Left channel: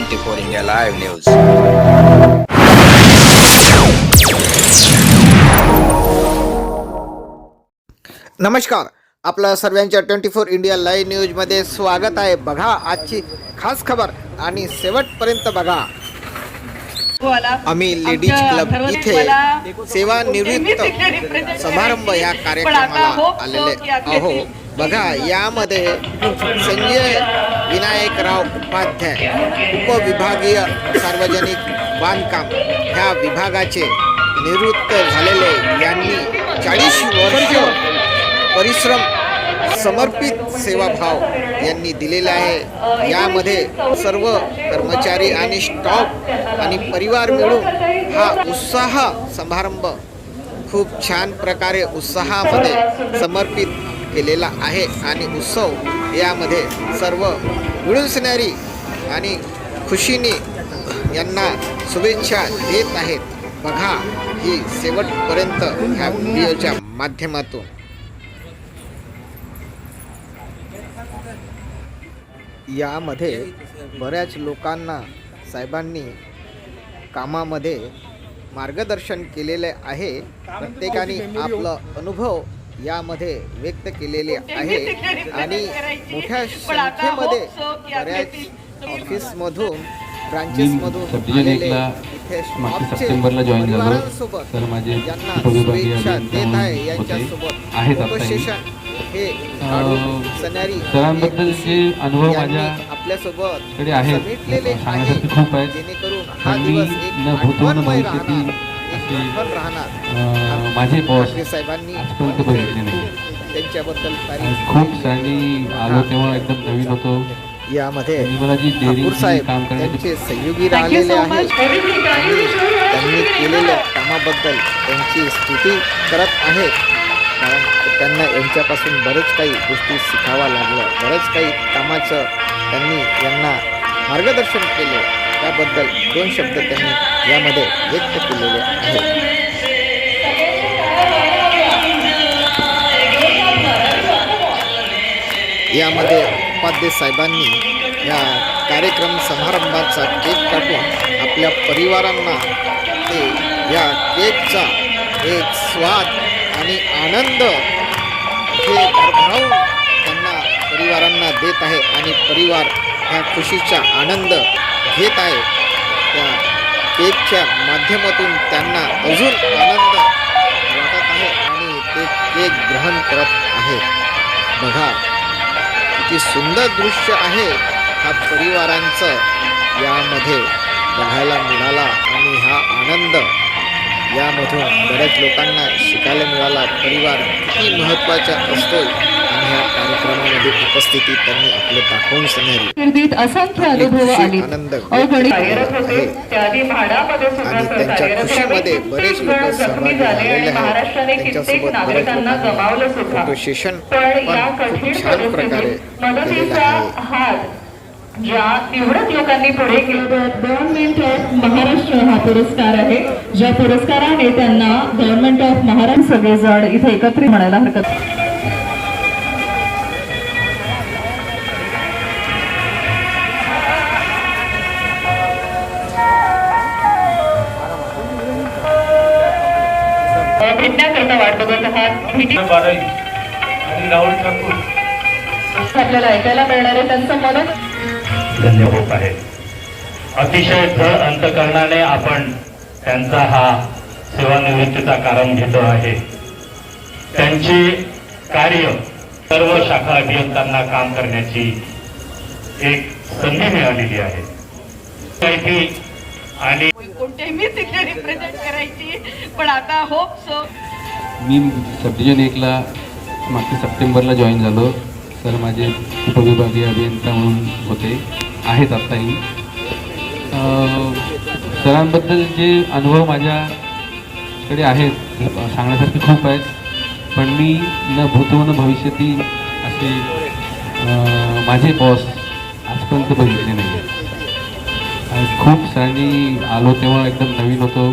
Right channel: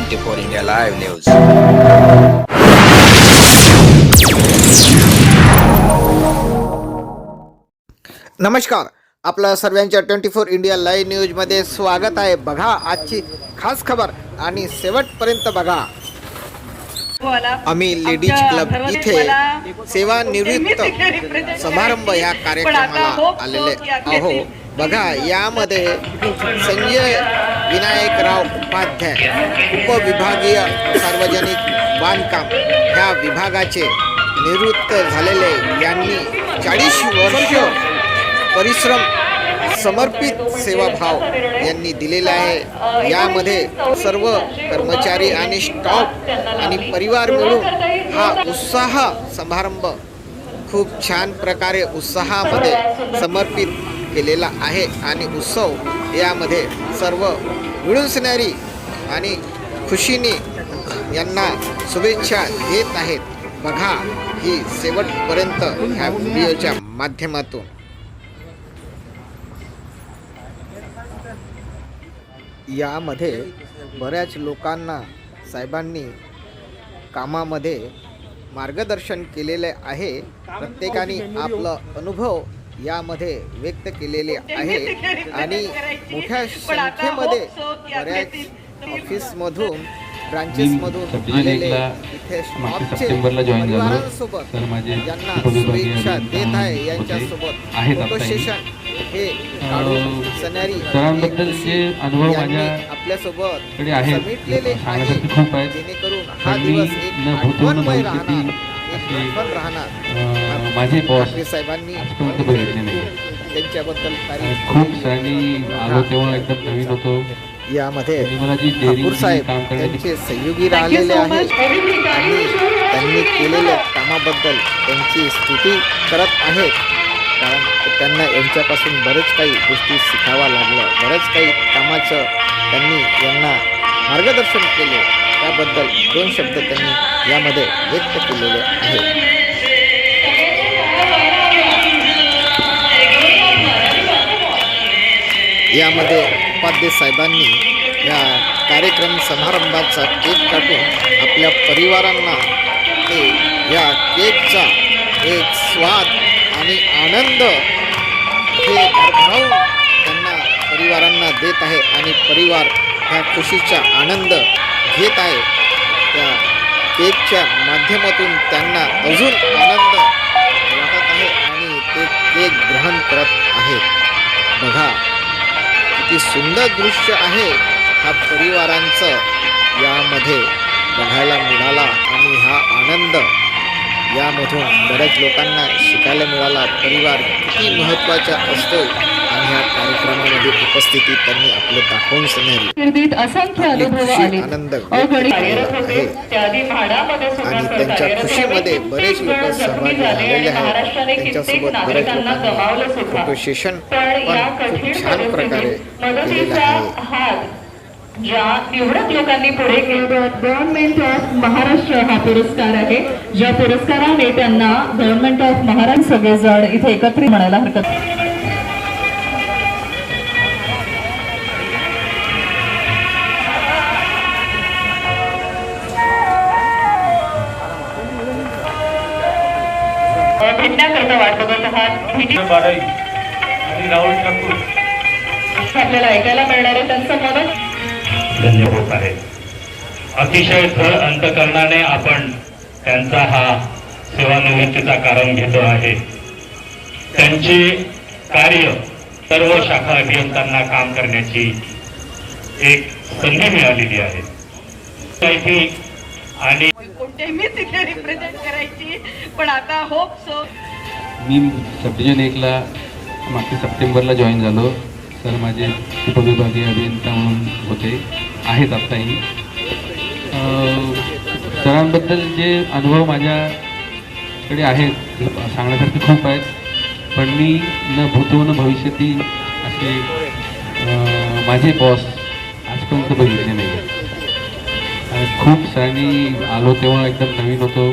Twenty four India live news. नमस्कार आपलं सर्वांच्या ट्वेंटी फोर इंडिया लाईव्ह न्यूजमध्ये स्वागत आहे. बघा आजची खास खबर आणि शेवटपर्यंत बघा. आम्ही लेडीज क्लब इथे सेवानिवृत्त समारंभ या कार्यक्रमाला आलेले आहो बघा यामध्ये संजय विनायकराव उपाध्याय उपविभागीय सार्वजनिक बांधकाम ह्या विभागाचे निवृत्त झालेले यांनी चाळीस वर्ष परिश्रम समर्पित सेवाभाव यांनी दिलेला आहे. यामध्ये सर्व कर्मचारी आणि स्टॉफ आणि परिवार मिळून हा उत्साह समारंभ खूप छान प्रकारे उत्साहामध्ये समर्पित केलेला आहे आणि उत्सव यामध्ये सर्व मिळून आणि खुशीने यांना शुभेच्छा देत आहेत. बघा ही शेवटपर्यंत ह्या व्हिडिओच्या माध्यमातून. यामध्ये बऱ्याच लोकांना साहेबांनी कामामध्ये मार्गदर्शन केलेले आहे. प्रत्येकाने आपलं अनुभव यामध्ये व्यक्त केलेले आहे आणि मोठ्या संख्येमध्ये बऱ्याच ऑफिसमधून ब्रांचेसमधून आलेले इथे स्टॉपचे. परिवारांसोबत तर माझे यांना उपविभागीय शुभेच्छा देत आहे यांच्यासोबत फोटो हे. सेशन हे काढून अनुभव यांनी आपल्यासोबत. समेटलेले आहे. जेणेकरून हा दिवस एक आठवणमय राहणार आठवण राहणार. माझे बॉस ठाकरे साहेबांनी त्यांच्याबद्दल तारीफ खूप केलेली सरांनी आलो तेव्हा एकदम नवीन होतो. यामध्ये ठाकूर साहेब त्यांचे सहयोगी राहिलेले आहे आणि त्यांनी केलेल्या कामाबद्दल त्यांची स्तुती करत आहेत. कारण त्यांना यांच्यापासून बरेच काही गोष्टी शिकावा लागलं. बरंच काही कामाचं त्यांनी यांना मार्गदर्शन केले. त्याबद्दल दोन शब्द त्यांनी यामध्ये व्यक्त केलेले आहेत. यामध्ये उपाध्ये साहेबांनी या कार्यक्रम समारंभाचा केक काटून आपल्या परिवारांना ते या केकचा एक स्वाद आणि आनंद हे भरभरावून त्यांना परिवारांना देत आहे आणि परिवार ह्या खुशीचा आनंद घेत आहे. त्या केकच्या माध्यमातून त्यांना अजून आनंद वाटत आहे आणि ते केक ग्रहण करत आहेत बघा किती सुंदर दृश्य आहे हा परिवारांचं. यामध्ये बघायला मिळाला आणि हा आनंद. यामधून बऱ्याच लोकांना शिकायला मिळाला. परिवार किती महत्त्वाचा असतो ह्या कार्यक्रमामध्ये उपस्थिती त्यांनी आपले दाखवून आणि आनंद आहे. आणि त्यांच्या खुशीमध्ये बरेच लोक सहभागी झालेले आहेत. त्यांच्यासोबत बऱ्याच लोकांनी फोटो सेशन पण खूप छान प्रकारे केलेलं आहे. ज्या निवडक लोकांनी पुढे केलेल्या गव्हर्नमेंट ऑफ महाराष्ट्र हा पुरस्कार आहे. ज्या पुरस्काराने त्यांना गव्हर्नमेंट ऑफ महाराष्ट्र सगळेजण इथे एकत्रित म्हणायला हरकत आपल्याला ऐकायला मिळणार आहे त्यांचं मदत धन्य होत आहे. अतिशय भर अंतकरणाने आपण त्यांचा हा सेवानिवृत्तीचा कारण घेतो आहे. त्यांचे कार्य सर्व शाखा अभियंत्यांना काम करण्याची एक संधी मिळालेली आहे. आणि कोणत्याही मी तिथे रिप्रेझेंट करायची पण आता होप सो मी सब एकला मागच्या सप्टेंबरला जॉईन झालो. तर माझे उपविभागीय अभियंता म्हणून होते. आहेत आत्ताही. सरांबद्दल जे अनुभव माझ्याकडे आहेत सांगण्यासारखे खूप आहेत. पण मी न भूतो न भविष्यती असे माझे बॉस आजपर्यंत बघितले नाही खूप सरांनी आलो तेव्हा एकदम नवीन होतो.